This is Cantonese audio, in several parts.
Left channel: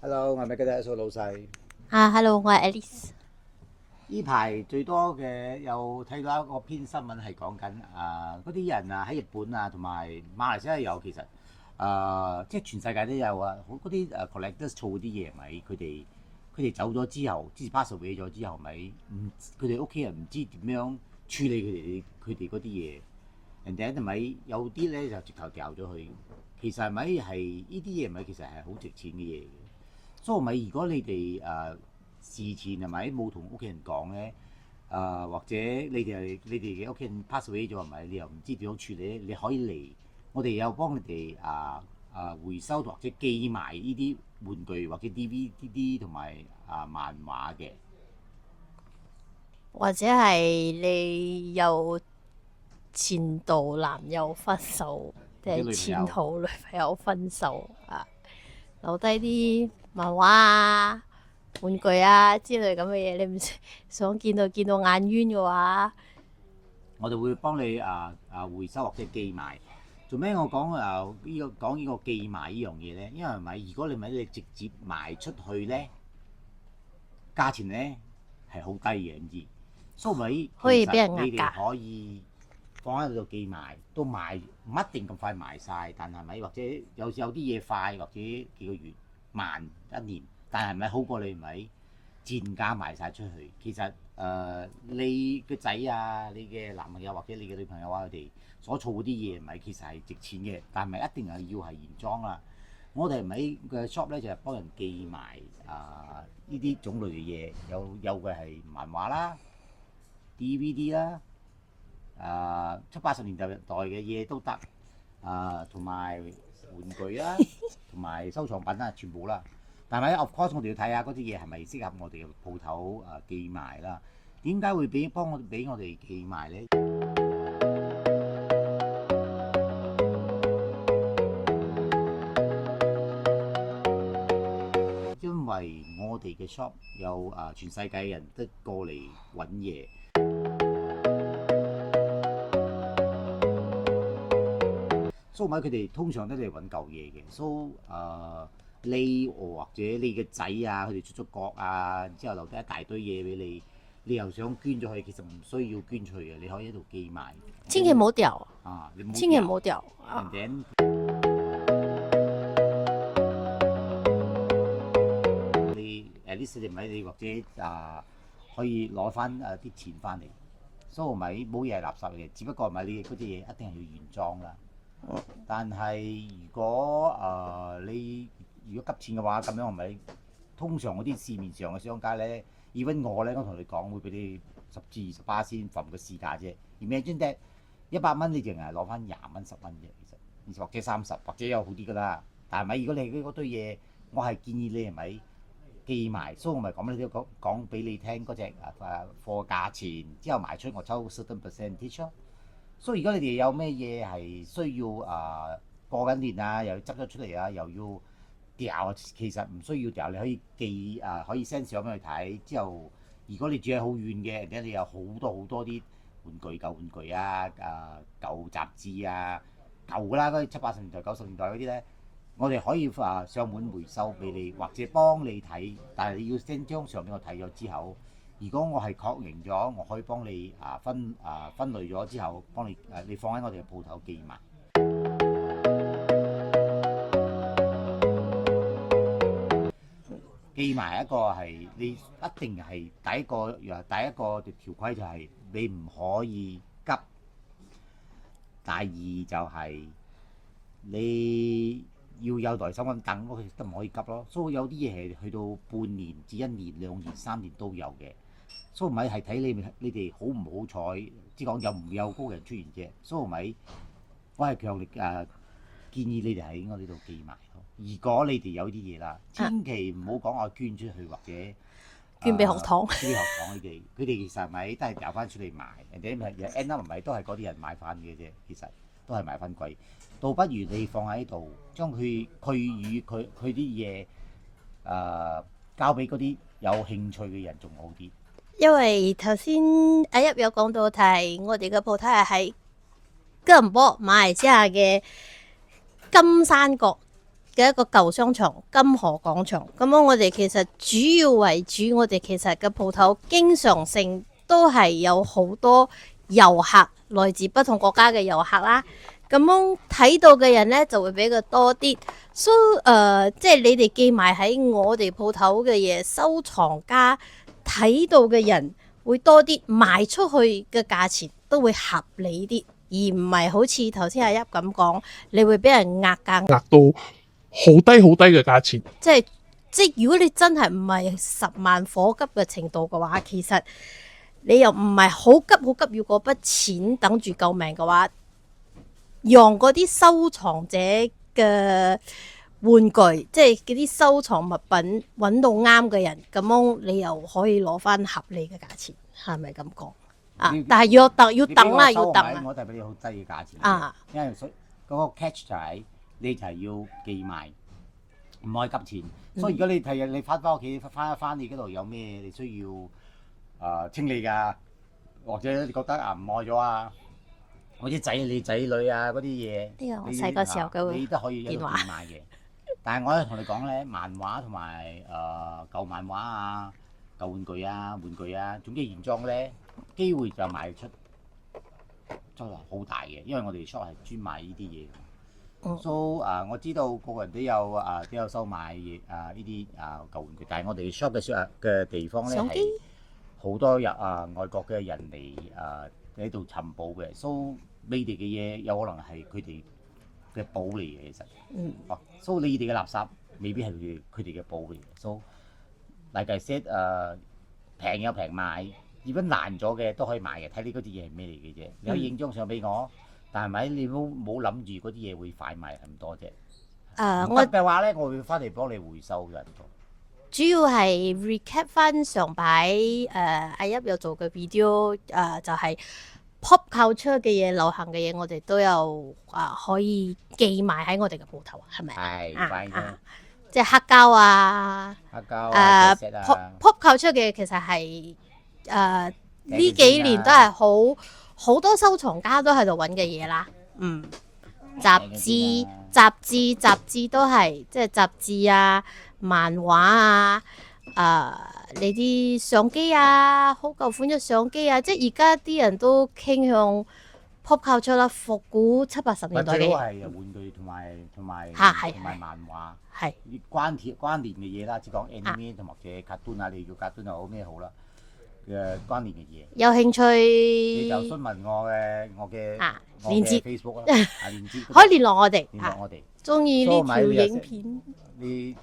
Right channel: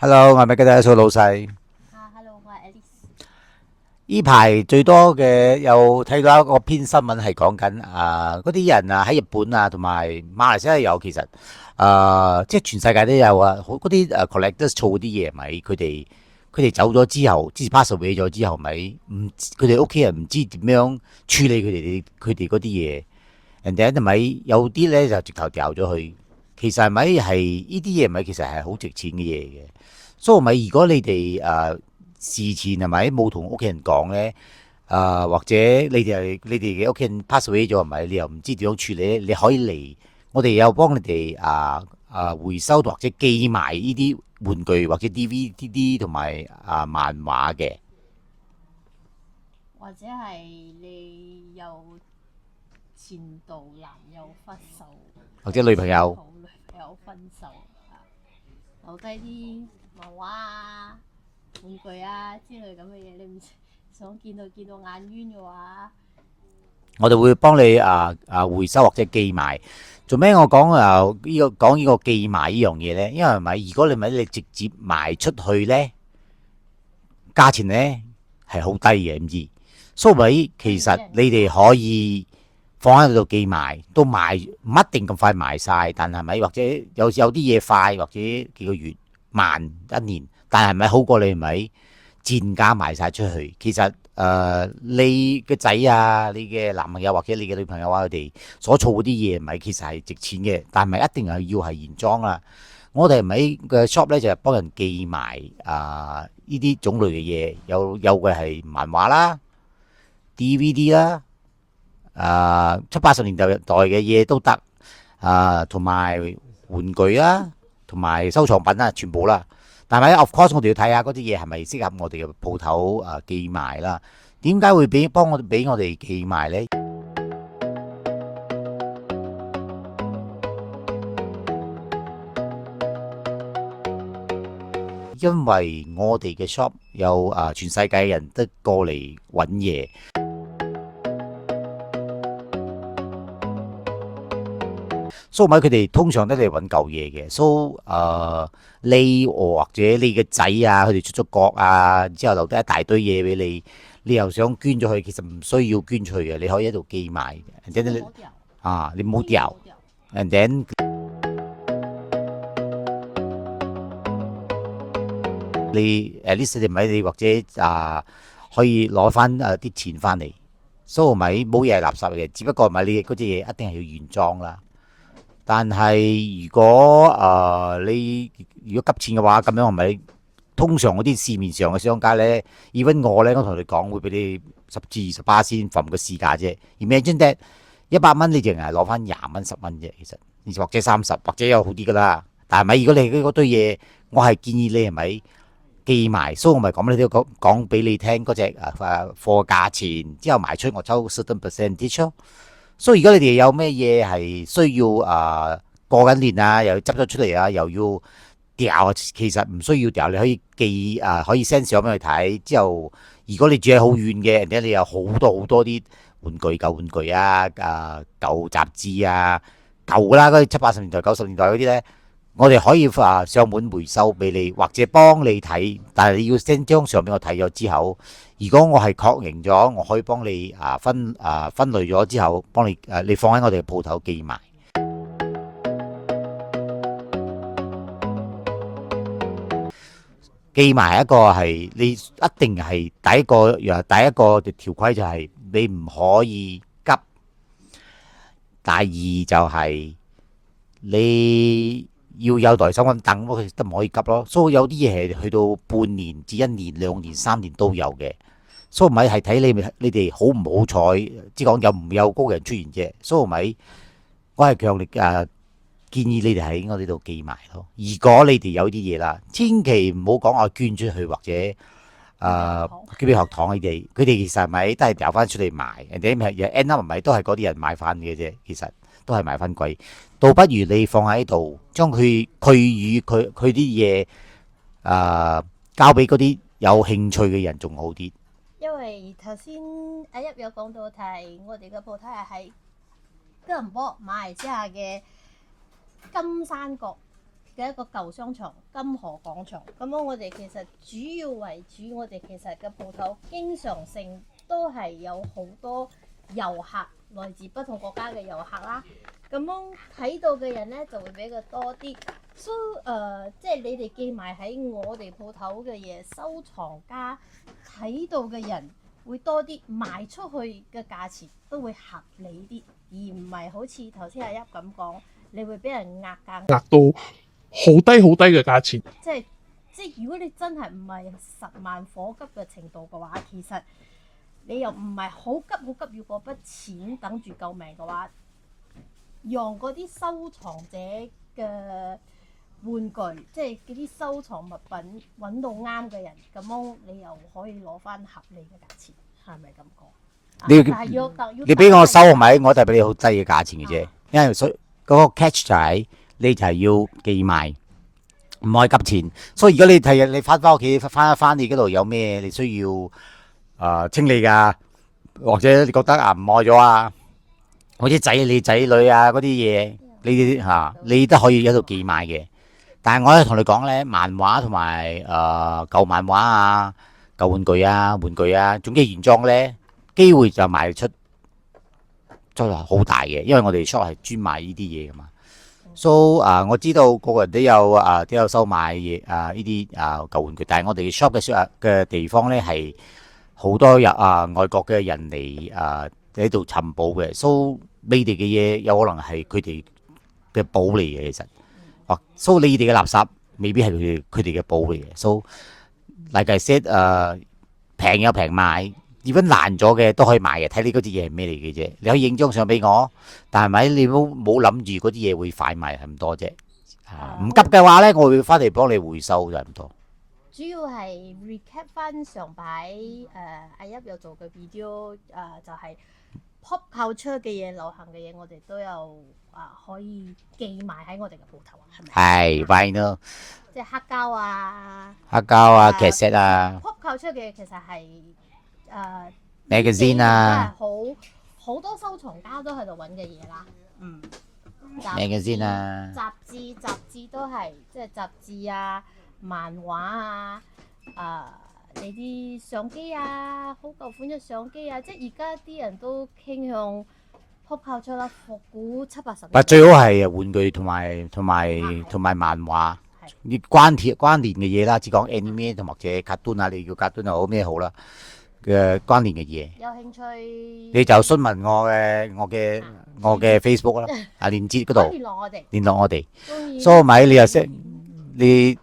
Hello，我係咪記得數老細？Hello，我係 Alice。呢排最多嘅有睇到一個篇新聞係講緊嗰啲人喺日本同埋馬來西亞有，其實即係全世界都有好嗰啲collectors 儲嗰啲嘢，咪佢哋走咗之後，之前 pass away 咗之後，咪唔佢哋屋企人唔知點樣處理佢哋嗰啲嘢，人哋係咪有啲咧就直頭掉咗去？其實係咪係呢啲嘢咪其實係好值錢嘅嘢嘅？所以咪如果你哋事前係咪冇同屋企人講咧？或者你哋嘅屋企人 pass away 咗係咪？你又唔知點樣處理咧？你可以嚟，我哋有幫你哋回收或者寄埋呢啲玩具或者 DVD 同埋漫畫嘅，或者係你有前度男友分手，或者女朋友前度女朋友分手留低啲漫畫玩具之類咁嘅嘢，你唔想見到眼冤嘅話，我哋會幫你回收或者寄埋。做咩我講呢個寄埋呢樣嘢咧？因為係咪如果你直接賣出去咧，價錢咧係好低嘅，唔知。所以咪其實可以俾人你哋可以放喺度寄賣，都賣唔一定咁快賣晒，但係咪或者有啲嘢快，或者幾個月慢一年，但係咪好過你咪賤價賣晒出去？其實你嘅仔你嘅男朋友或者你嘅女朋友佢哋所儲嗰啲嘢，咪其實係值錢嘅，但係咪一定係要係原裝啦？我哋咪嘅 shop 咧就係幫人寄埋呢啲種類嘅嘢，有嘅係漫畫啦、DVD 啦、70、80年代嘅嘢都得，同埋玩具啦，同埋收藏品啦，全部啦。但係 of course 我哋要睇下嗰啲嘢係咪適合我哋嘅鋪頭寄賣啦。點解會俾我哋寄賣呢？因為我哋嘅 shop 有全世界人都過嚟揾嘢，所以咪佢哋通常都嚟揾舊嘢嘅。所以你或者你嘅仔佢哋出咗國之後留低一大堆嘢俾你，你又想捐咗佢，其實唔需要捐出去嘅，你可以喺度寄賣嘅。千祈唔好掉，你唔好千祈唔掉。好掉。And then 你at least 你咪你或者可以攞翻啲錢翻嚟，所以咪冇嘢係垃圾嘅，只不過咪你嗰啲嘢一定係要原裝啦。但係如果你如果急錢嘅話，咁樣係咪通常嗰啲市面上嘅商家咧，even我咧，我同你講會俾你10%至20%先份個市價啫。Imagine that 100蚊你淨係攞翻20蚊10蚊啫，其實或者30或者有好啲噶啦。但係咪如果你嗰堆嘢，我係建議你係咪寄埋，所以我咪講你都講俾你聽嗰隻貨價錢，之後賣出我抽 certain percentage 咯。所以如果你哋有咩嘢係需要過緊年又要執咗出嚟又要掉，其實唔需要掉，你可以寄可以 send 相俾佢睇。之後如果你住喺好遠嘅，人哋你有好多好多啲舊玩具舊雜誌舊啦嗰啲70、80年代、90年代嗰啲咧，我哋可以上門回收俾你，或者幫你睇。但係你要 send 張相俾我睇咗之後，如果我係確認咗，我可以幫你分類咗之後，幫你放喺我哋嘅鋪頭寄埋。寄埋一個係你一定係第一個條規就係你唔可以急，第二就係你要有耐心咁等，都唔可以急咯。所以有啲嘢係去到半年至1年、2年、3年都有嘅。所以咪係睇你哋好唔好彩，即係講有唔有高人出現啫。所以咪我係強烈建議你哋喺我呢度寄埋咯。如果你哋有啲嘢啦，千祈唔好講我捐出去或者捐俾學堂，捐俾學堂佢哋其實咪都係掉翻出嚟賣，人哋咪 end up 咪都係嗰啲人買翻嘅啫。其實都係賣翻貴，倒不如你放喺度，將佢與佢啲嘢交俾嗰啲有興趣嘅人仲好啲。因為頭先阿一有講到係我哋嘅鋪頭係喺吉隆坡馬來西亞嘅金山角嘅一個舊商場金河廣場。咁樣我哋其實主要為主，我哋其實嘅鋪頭經常性都係有好多遊客，來自不同國家嘅遊客啦。咁樣睇到嘅人咧就會比較多啲。So 即係你哋寄埋喺我哋鋪頭嘅嘢，收藏家睇到嘅人會多啲，賣出去嘅價錢都會合理啲，而唔係好似頭先阿一咁講，你會俾人壓價，壓到好低好低嘅價錢。即係如果你真係唔係10萬火急嘅程度嘅話，其實你又唔係好急好急要嗰筆錢等住救命嘅話，讓嗰啲收藏者嘅玩具，即係嗰啲收藏物品揾到啱嘅人，咁樣你又可以攞翻合理嘅價錢，係咪咁講？但係要等你俾我收係咪？要等我就俾你好低嘅價錢嘅啫，因為所以嗰個 catch 就係你就係要寄賣，唔可以急錢。所以如果你睇日你翻屋企翻一翻，你嗰度有咩你需要清理㗎，或者你覺得唔愛咗啊？或者你仔女啊嗰啲嘢，你都可以喺度寄賣嘅。但係我咧同你講咧，漫畫同埋舊漫畫啊、舊玩具啊，總之原裝咧，機會就賣出真係好大嘅，因為我哋 shop 係專賣呢啲嘢噶嘛。So 我知道個個人都有收買嘢呢啲舊玩具，但係我哋 shop 嘅地方咧係好多外國嘅人嚟喺度尋寶嘅。So 你哋嘅嘢有可能係佢哋嘅寶嚟嘅，其實。So 你哋嘅垃圾未必係佢哋嘅寶嚟嘅。So like I said 平有平賣，如果爛咗嘅都可以賣嘅，睇你嗰啲嘢係咩嚟嘅啫。你可以影張相俾我，但係咪你冇諗住嗰啲嘢會快賣咁多啫？唔急嘅話咧，我會翻嚟幫你回收就咁多。主要係 recap 翻上排阿一有做嘅 video 就係、pop culture 嘅嘢、流行嘅嘢，我哋都有可以寄埋喺我哋嘅鋪頭，係咪？係，right 咯，即係黑膠啊、劇集啊 pop culture 嘅嘢其實係呢幾年都係好多收藏家都喺度揾嘅嘢啦。雜誌都係即係雜誌啊、漫畫啊。你啲相機啊，好舊款嘅相機啊，即係而家啲人都傾向 pop culture 啦，復古70、80年代。最好係玩具同埋漫畫，係啲關聯嘅嘢啦，只講 anime 同或者卡通啊，你叫卡通又好咩好啦嘅關聯嘅嘢。有興趣你就詢問我嘅 Facebook 啦，連接嗰度可以聯絡我哋，聯絡我哋。中意所以咪你又識你。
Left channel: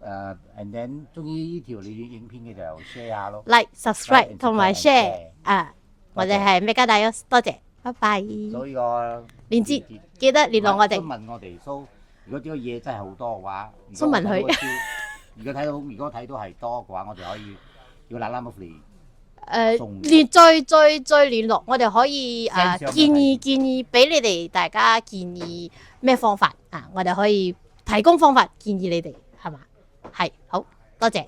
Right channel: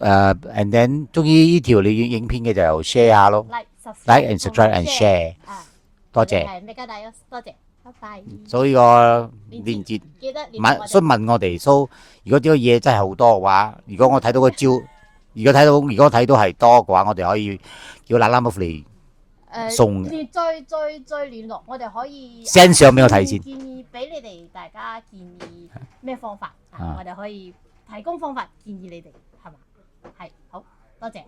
and then 中意呢條你影片嘅就 share 下咯 ，like subscribe 同埋 share 多謝。我哋係 Mega Dios，多謝，拜拜。所以個連接記得聯絡我哋。詢問我哋，如果呢個嘢真係好多嘅話，如果我睇到個招，如果睇到係多嘅話，我哋可以叫啦啦木嚟送。再聯絡，我哋可以 send 相俾我睇先。建議俾你哋大家建議咩方法我哋可以提供方法建議你哋，係嘛？係好多謝，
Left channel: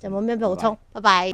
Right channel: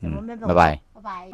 有冇咩補充？拜拜。